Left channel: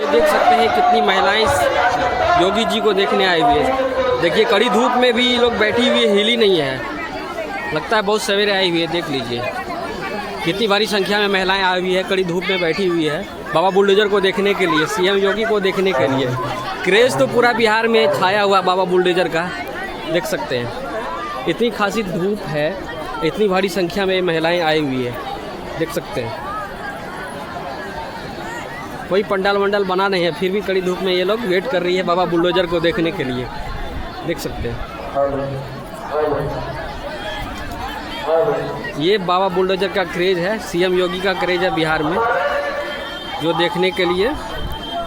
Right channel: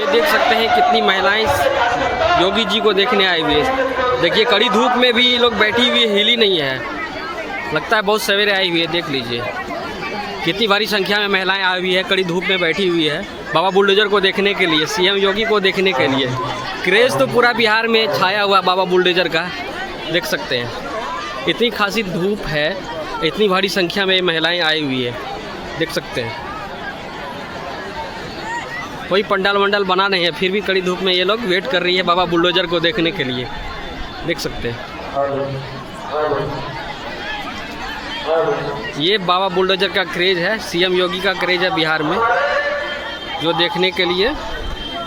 ये देख सकते हैं कितनी महिलाएं योगी जी को देखने आई हुई है। देखिए कड़ी धूप में भी ये लोग बैठी हुई हिली नहीं है, लगता है बहुत सवेरे आई हुई है। देख लीजिए कितनी भारी संख्या में महिलाएं आई हुई है, कड़ी धूप में बैठी हुई है बाबा बुलडोजर को देखने के लिए, सीएम योगी को देखने के लिए। क्रेज़ तो पूरा बिहार में छाया हुआ बाबा बुलडोजर का, देख सकते हैं। इतनी खासी धूप है, इतनी भारी संख्या में महिलाएं आई हुई है, देख सकते हैं। कोई पंडाल वंडाल बना नहीं है, फिर भी कड़ी धूप में ये लोग वेट कर रही है बाबा बुलडोजर को देखने के लिए, देख सकते हैं। ये बाबा बुलडोजर का क्रेज़ है, सीएम योगी का क्रेज़ है बिहार में, जो देखने के लिए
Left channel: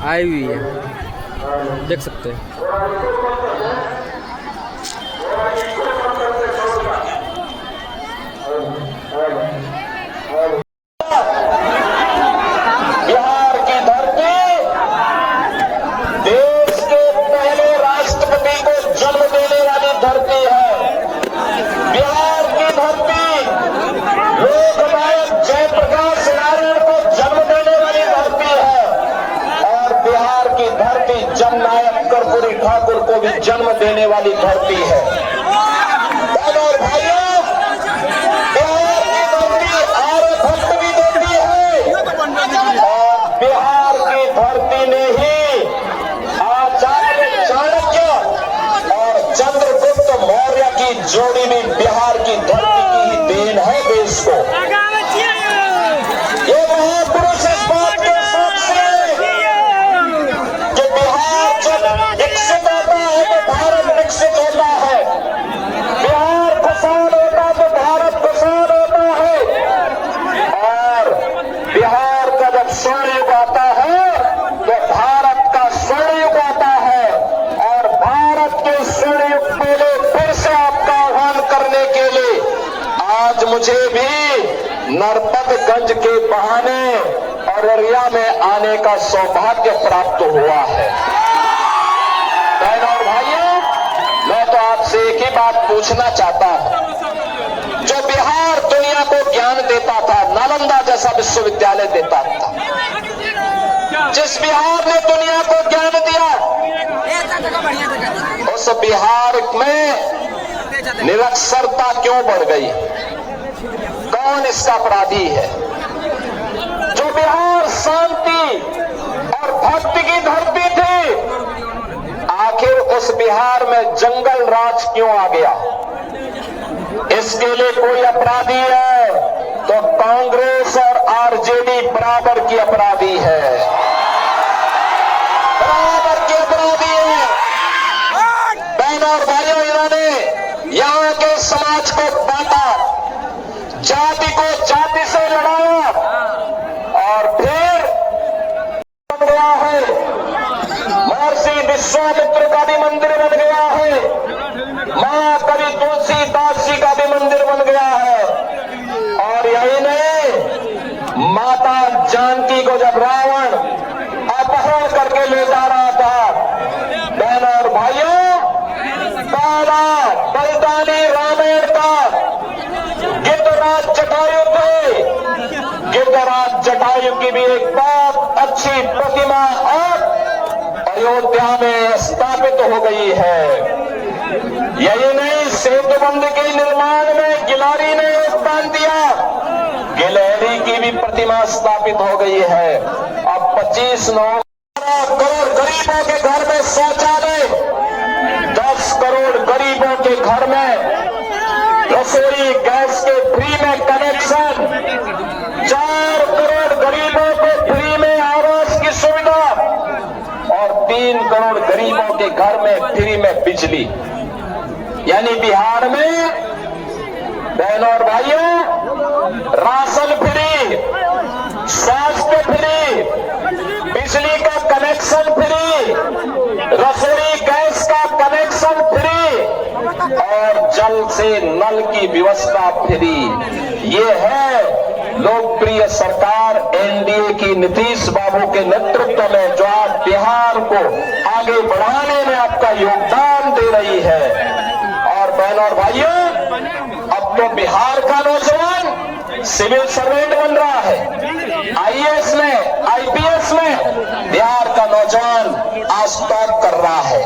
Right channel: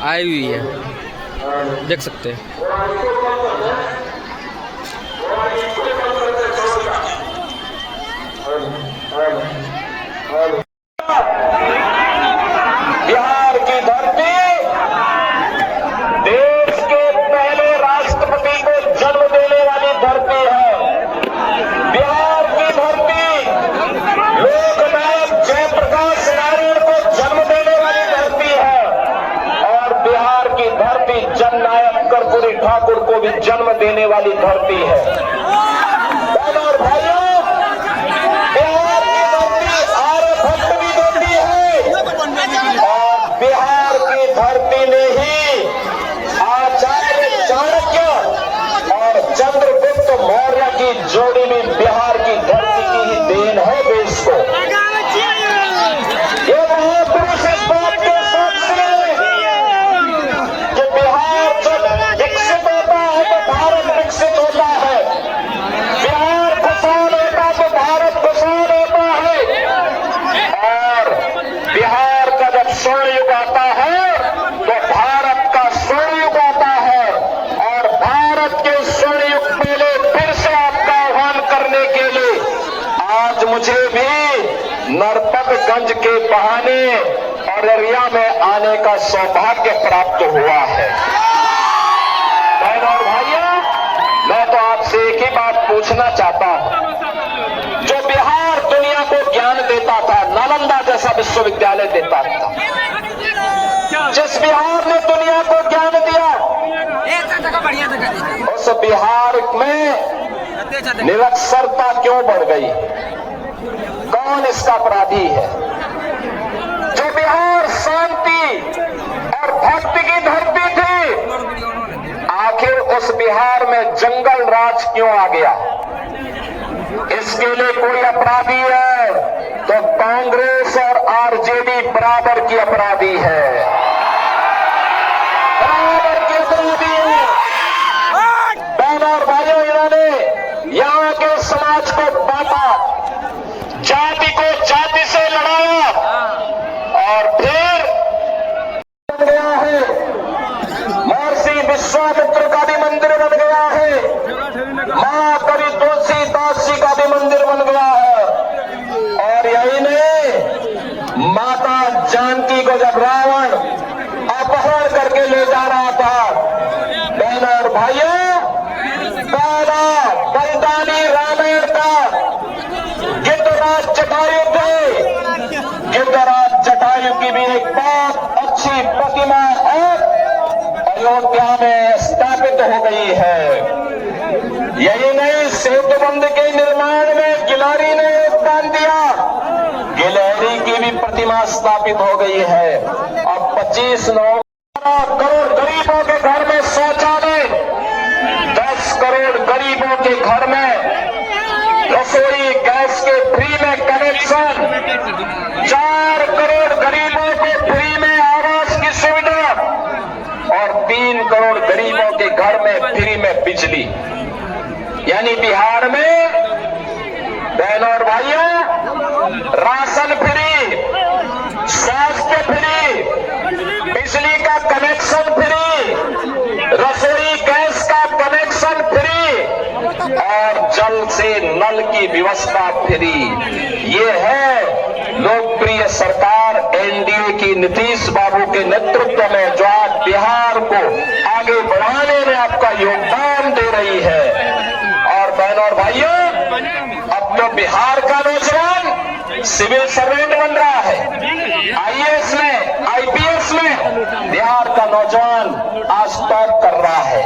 आई हुई है, देख सकते हैं। बिहार की धरती देश के पहले राष्ट्रपति को जन्म देने वाली धरती है। बिहार की धरती लोकनायक जयप्रकाश नारायण को जन्म देने वाली धरती है और बिहार की धरती जननायक कर्पूरी ठाकुर को भी जन्म देने वाली धरती है। और भाइयों, बिहार की धरती आर्यभट्ट भी देती है और बिहार की धरती ने ही आचार्य चाणक्य और चंद्रगुप्त मौर्य की जोड़ी भी बिहार की धरती की ही देन है देश को। ये महापुरुष इस बात के साक्षी हैं कि बिहार जब विकसित होता है तो भारत विकसित होता है, बिहार खुशहाल होता तो भारत खुशहाल होता है। और बिहार का जब स्वर्ण युग आता है तो भारत का स्वर्ण युग आता है और भारत के स्वर्ण युग के लिए फिर से आपका आह्वान करने के लिए आज मुझे भी नरपतगंज के बहाने अररिया में आने का सौभाग्य प्राप्त हुआ है। बहनों और भाइयों, मैं तो आपसे एक ही बात पूछना चाहता हूं। जो बिहार दुनिया को ज्ञान देता था, नालंदा जैसा विश्वविद्यालय देता था, जिस बिहार ने दुनिया को ज्ञान दिया, उस बिहार में निरक्षरता क्यों बढ़ गई? कौन इसका अपराधी है? जो बिहार शांति और भक्ति की धरती थी, आखिर उस बिहार में जंगल राज क्यों आ गया? इसके लिए कोई अपराधी है तो कांग्रेस और आरजेडी बराबर की अपराधी है, बराबर की अपराधी है। बहनों और भाइयों, इन्होंने यहाँ के समाज को बांटा, जाति को जाति से लड़ाया और फिर बन गया है महर्षि विश्वामित्र का भी मंदिर बन गया है, मां कवि तुलसीदास जी का भी मंदिर बन गया है। और यही नहीं, माता जानकी को जब रावण अपहरण करके ले जा रहा था, बहनों और भाइयों, पहला बलिदानी रामायण का गिद्धराज जटायु थे। गिद्धराज जटायु की भी एक बहुत अच्छी प्रतिमा अब अयोध्या में स्थापित हो गई है। यही नहीं, सेतुबंध के निर्माण में गिलहरी ने योगदान दिया, गिलहरी की भी प्रतिमा स्थापित हो गई है। अब 25 करोड़ गरीबों के घर में शौचालय, 10 करोड़ गरीबों के घर में रसोई गैस के फ्री में कनेक्शन, 4 करोड़ गरीबों को फ्री में आवास की सुविधा और 3 करोड़ गरीबों के घर में फ्री में बिजली। यानी बिहार में बहनों और भाइयों, राशन फ्री, स्वास्थ्य फ्री, बिजली का कनेक्शन फ्री, रसोई गैस का कनेक्शन फ्री और जल से नल की व्यवस्था फ्री। ये है लोकप्रिय सरकार एनडीए की नीतीश बाबू के नेतृत्व में, जो आज बिहार को आगे बढ़ाने में आपका योगदान दे रही है। और बहनों और भाइयों, अब तो बिहार का नौजवान सिविल सर्वेंट बन रहा है, आईएएस में, आईपीएस में। बिहार का स्टॉप कर रहा है।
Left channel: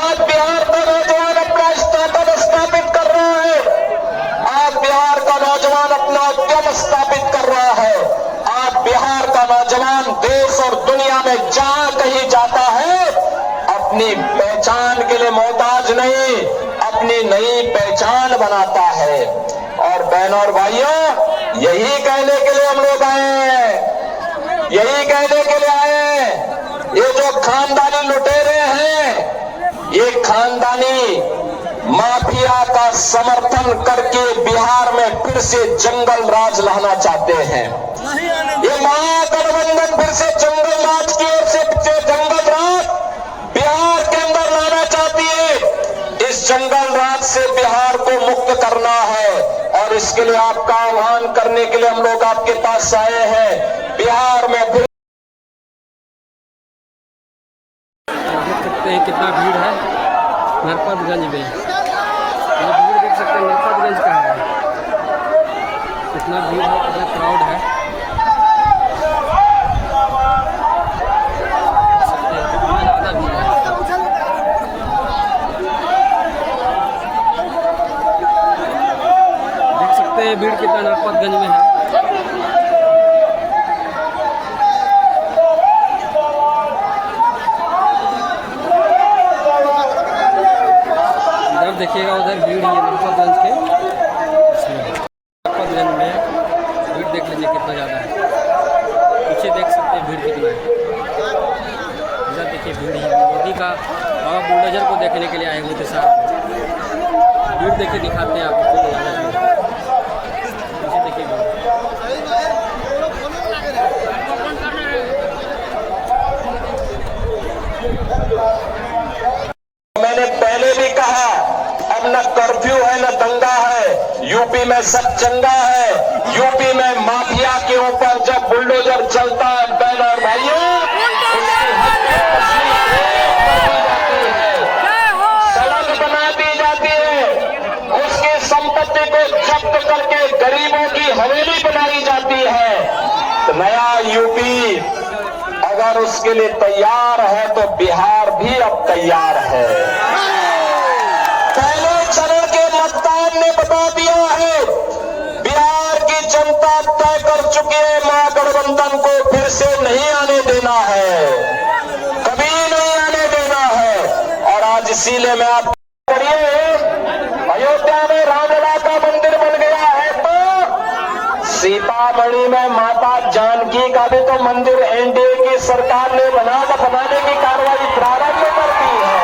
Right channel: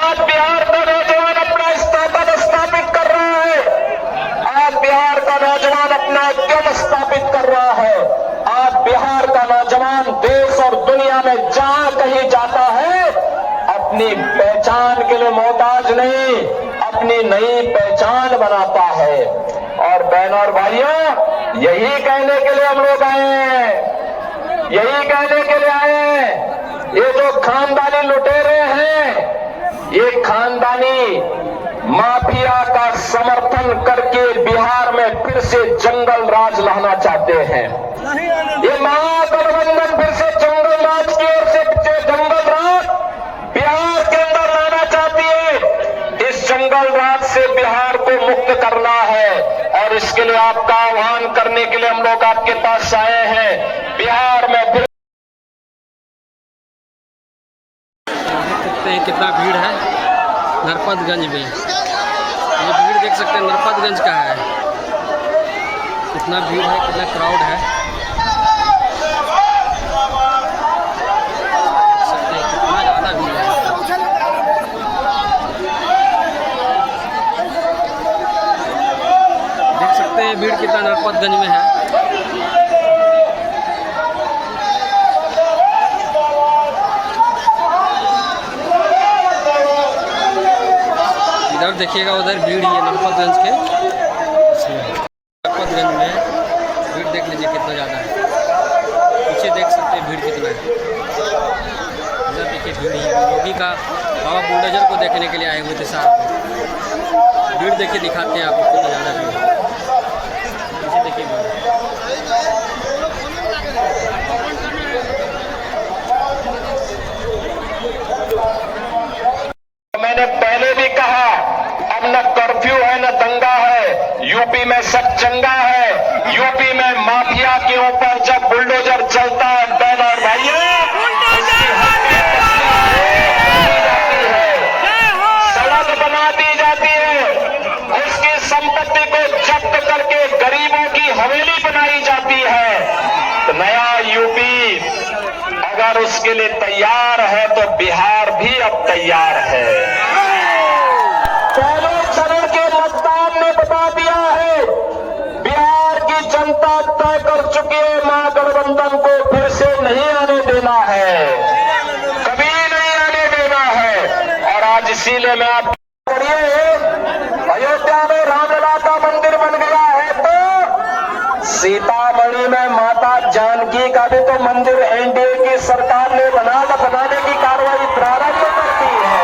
आज बिहार का नौजवान अपना स्टार्टअप स्थापित कर रहा है। आज बिहार का नौजवान अपना उद्यम स्थापित कर रहा है। आज बिहार का नौजवान देश और दुनिया में जहां कहीं जाता है अपनी पहचान के लिए मोहताज नहीं, अपनी नई पहचान बनाता है। और बहनों और भाइयों, यही कहने के लिए हम लोग आए हैं, यही कहने के लिए आए हैं। ये जो खानदानी लुटेरे हैं, ये खानदानी माफिया का समर्थन करके बिहार में फिर से जंगल राज लाना चाहते हैं। ये महागठबंधन फिर से जंगल राज की ओर से जंगल राज बिहार के अंदर लाना चाहती है। इस जंगल राज से बिहार को मुक्त करना है और इसके लिए आपका आह्वान करने के लिए हम लोग आपके पास आए हैं। बिहार में फिर देख सकते हैं कितना भीड़ है नरपतगंज में। ये भीड़ देख सकते हैं नरपतगंज का है, कितना भीड़ है, कितना क्राउड है। देख सकते हैं कितना ज़्यादा भीड़ है। देख सकते हैं भीड़ कितना नरपतगंज में है। इधर देखिएगा, उधर भीड़ ही है नरपतगंज के। नरपतगंज में भीड़ देख लीजिए कितना ज़्यादा है। पीछे देख सकते हैं भीड़ कितना है। इधर देखिए भीड़ ही योगी का बाबा बुलडोजर को देखने के लिए आए हुए थे साहब। भीड़ देखिए, दिखाते हैं आपको कितना ज़्यादा भीड़ है। पीछे देखिए भीड़। मैंने पहले भी कहा, अब न कर्फ्यू है न दंगा है, यूपी में सब चंगा है। यूपी में माफिया के ऊपर जब बुलडोजर चलता है बहनों और भाइयों, सड़क बना दी जाती है, उसकी संपत्ति को जब्त करके गरीबों की हवेली बनाई जाती है। तो नया यूपी अगर उसके लिए तैयार है तो बिहार भी अब तैयार है। पहले चरण के मतदान ने बता दिया है, बिहार की जनता तय कर चुकी है, महागठबंधन को फिर से नहीं आने देना है, कभी नहीं आने देना है। और आज इसीलिए मैं आप अयोध्या में रामलला का मंदिर बन गया है, तो सीतामढ़ी में माता जानकी का भी तो मंदिर एनडीए की सरकार ने बनाने की कार्रवाई प्रारंभ करती है।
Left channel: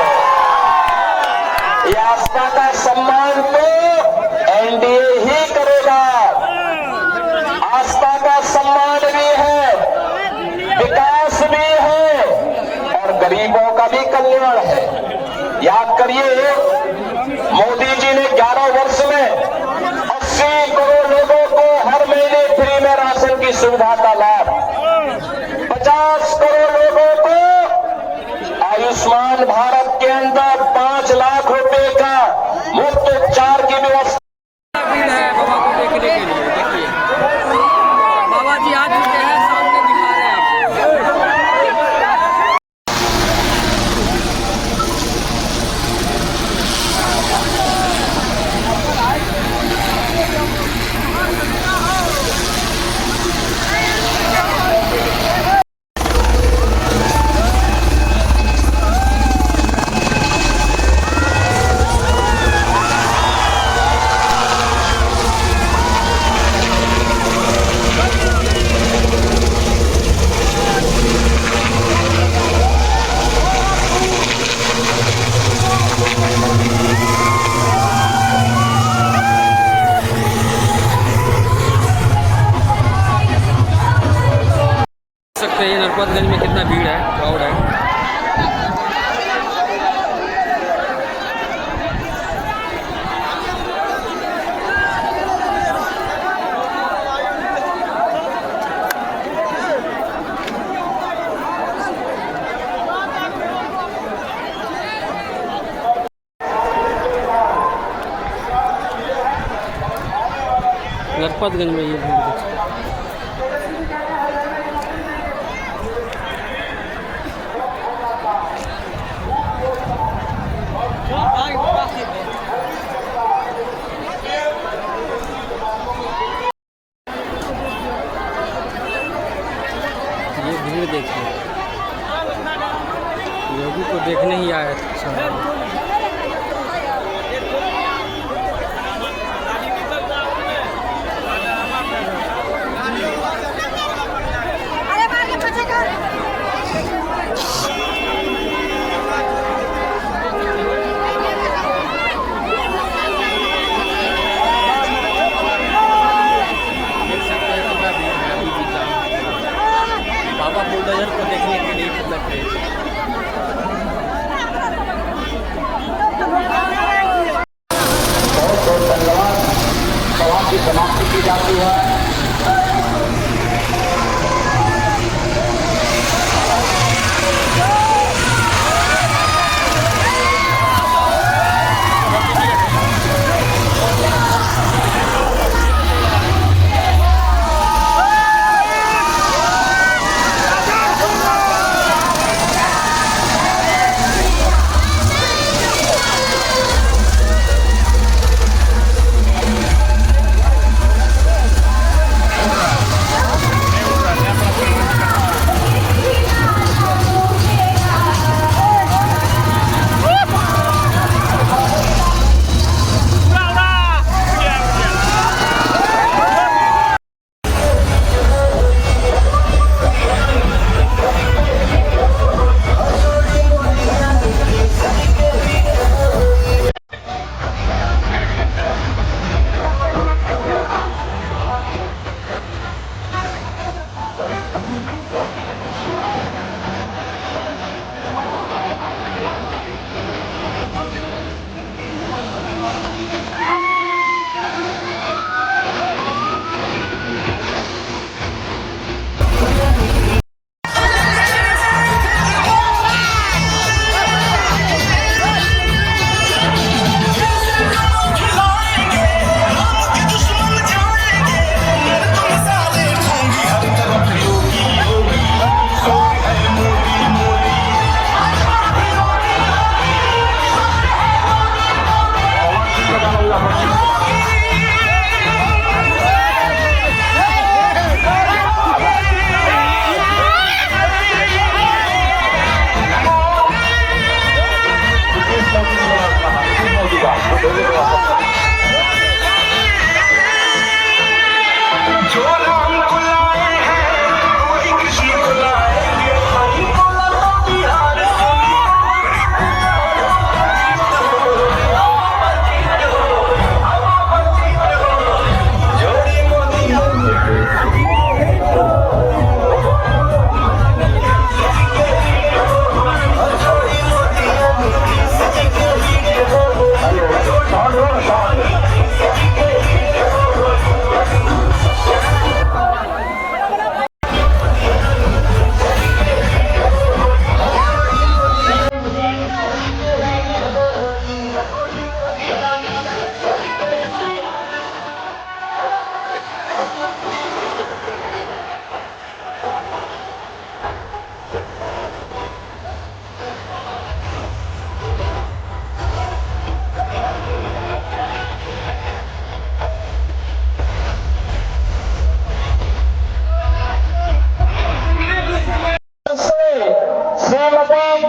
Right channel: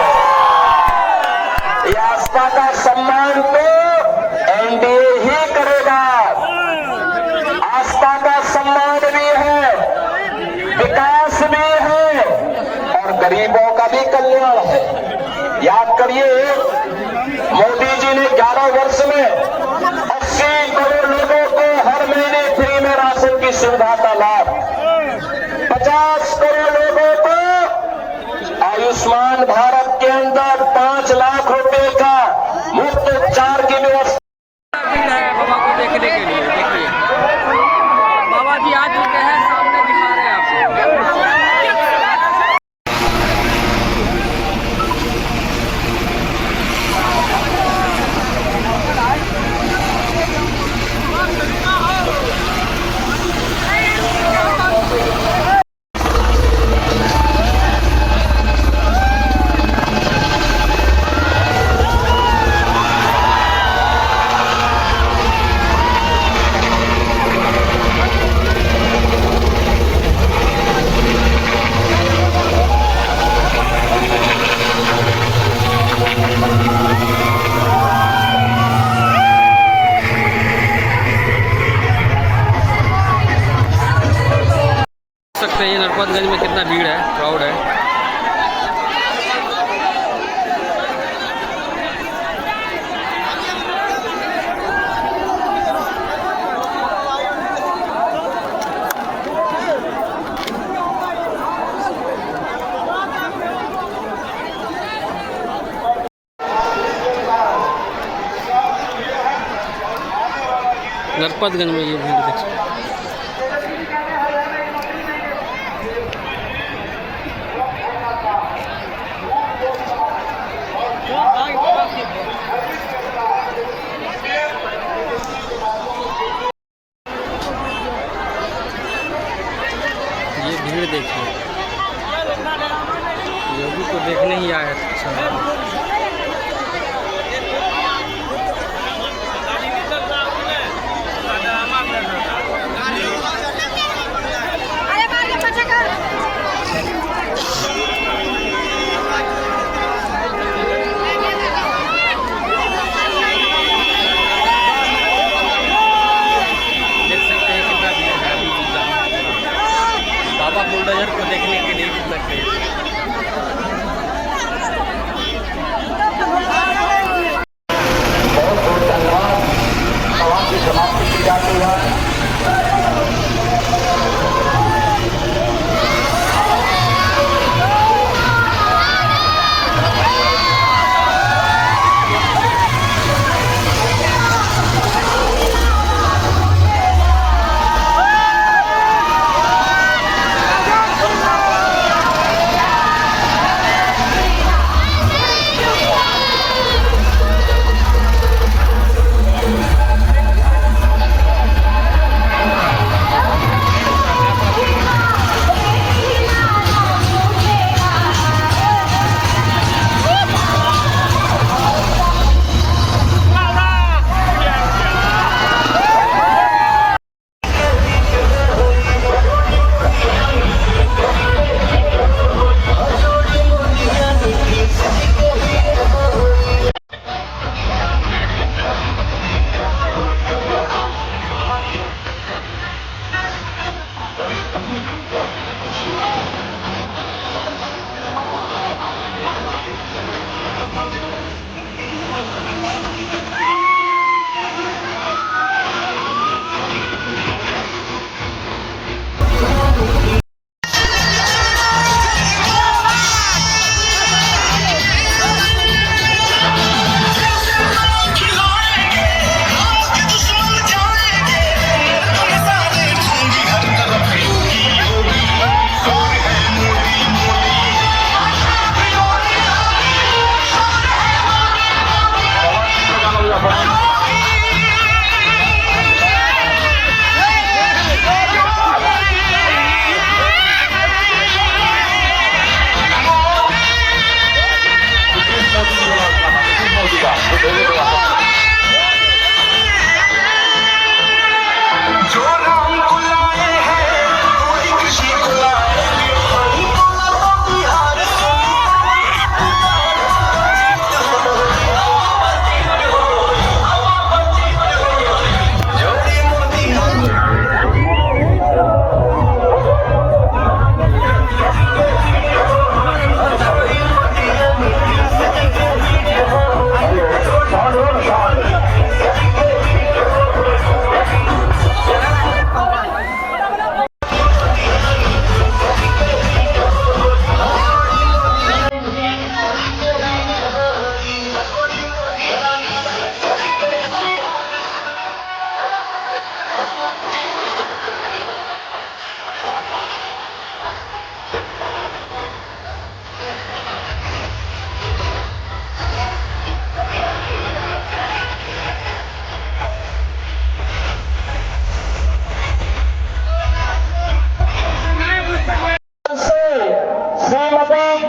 ये आस्था का सम्मान तो एनडीए ही करेगा। आस्था का सम्मान भी है, विकास भी है और गरीबों का भी कल्याण है। याद करिए, मोदी जी ने 11 वर्ष में 80 करोड़ लोगों को हर महीने फ्री में राशन की सुविधा का लाभ, 50 करोड़ लोगों को आयुष्मान भारत के अंदर 5 लाख रुपए का मुफ्त उपचार की व्यवस्था। भीड़ है बाबा को देखने के लिए। देखिए बाबा जी आ चुके हैं, सामने दिखा रहे हैं आपको। सकते हैं नरपतगंज में कितना भीड़ है, क्राउड है। नरपतगंज में ये भीड़ देखिए। देखिए, योगी को देखने ही आया था। बाबा बुलडोजर को देखने के लिए कितना क्रेज है। बहुत बहुत धन्यवाद। सभा की समाप्ति की जाती है।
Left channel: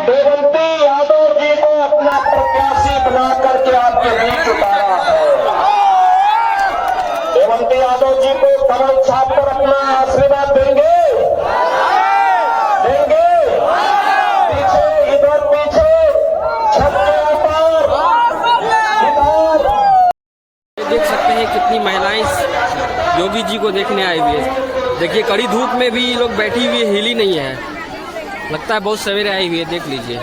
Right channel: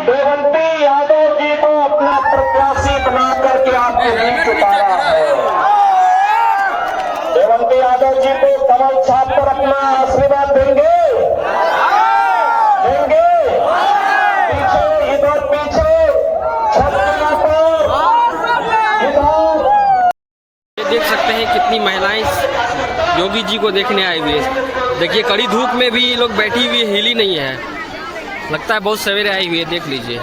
देवंती यादव जी को अपना प्रत्याशी बना करके आपके बीच उतारा है। देवंती यादव जी को कमल छाप पर अपना आशीर्वाद देंगे देंगे। पीछे इधर पीछे छक्का पर इधर। ये देख सकते हैं कितनी महिलाएं योगी जी को देखने आई हुई है। देखिए कड़ी धूप में भी लोग बैठी हुई हिली नहीं है, लगता है बहुत सवेरे आई हुई है। देख लीजिए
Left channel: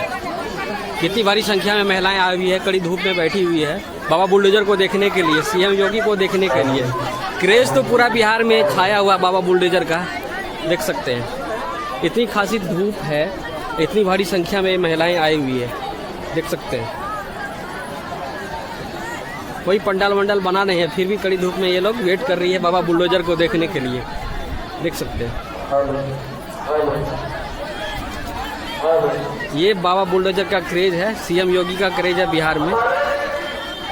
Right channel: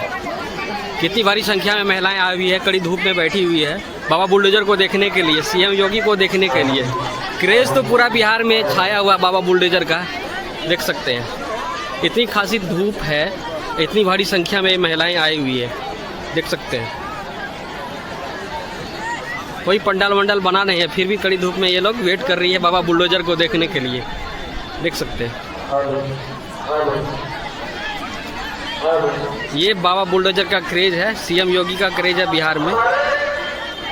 कितनी भारी संख्या में महिलाएं आई हुई है, कड़ी धूप में बैठी हुई है बाबा बुलडोजर को देखने के लिए, सीएम योगी को देखने के लिए। क्रेज तो पूरा बिहार में छाया हुआ बाबा बुलडोजर का, देख सकते हैं। इतनी खासी धूप है, इतनी भारी संख्या में महिलाएं आई हुई है, देख सकते हैं। कोई पंडाल वंडाल बना नहीं है, फिर भी कड़ी धूप में ये लोग वेट कर रही है बाबा बुलडोजर को देखने के लिए, देख सकते हैं। ये बाबा बुलडोजर का क्रेज है, सीएम योगी का क्रेज है बिहार में,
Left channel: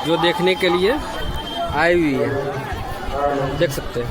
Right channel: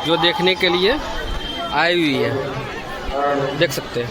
जो देखने के लिए आई हुई है, देख सकते हैं।